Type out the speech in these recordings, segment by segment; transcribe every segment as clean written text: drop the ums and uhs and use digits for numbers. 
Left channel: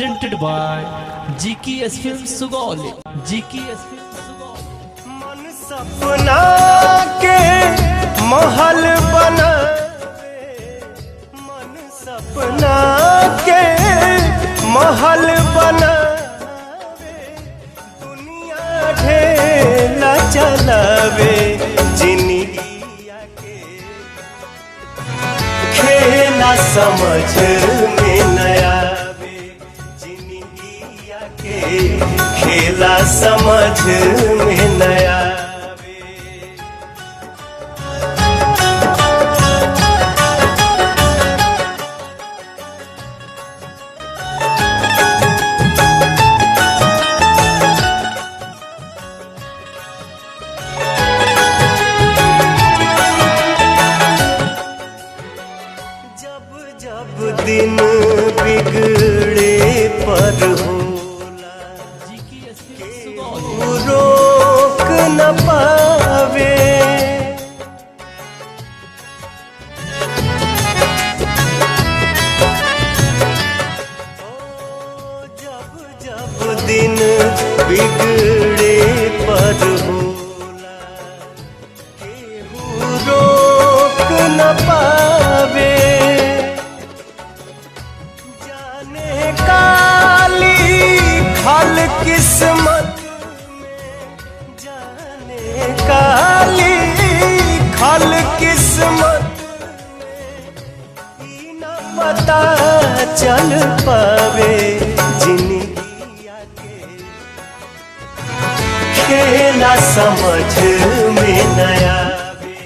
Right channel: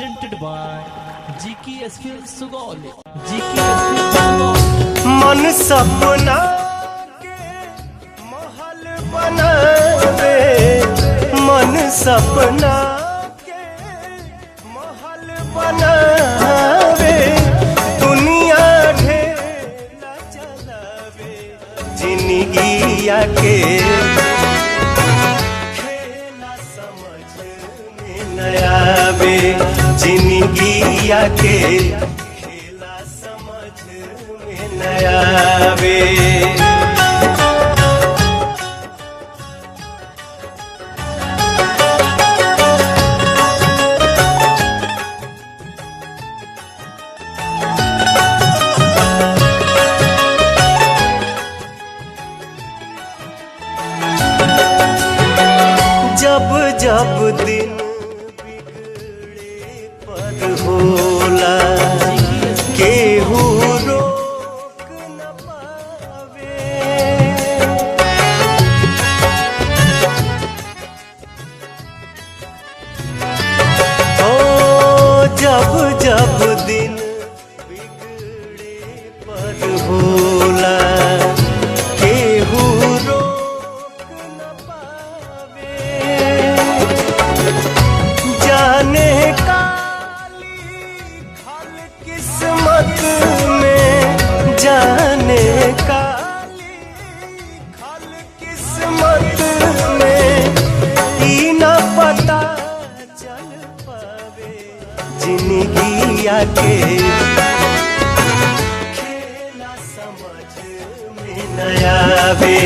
presented by GKS Film Sugauli. GKS Film Sugauli. मन सपना के महल बनावे, मन सपना के महल बनावे, दुनिया ढेला चलावे, जिंदगिया के खेला समझ में न आवे, जिंदगिया के खेला समझ में न आवे। जब जब दिन बिगड़े पर होला, केहू रोक न पावे, ओ जब जब दिन बिगड़े पर होला, केहू रोक न पावे, जाने काली खल किस्मत में, जाने काली खल किस्मत में, ई न पता चल पावे, जिंदगिया के खेला समझ में न आवे,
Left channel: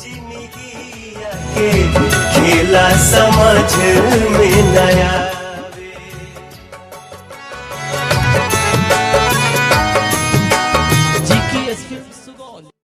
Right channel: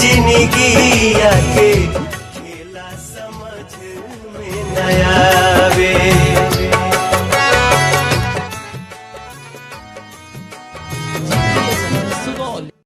जिंदगिया के खेला समझ में न आवे।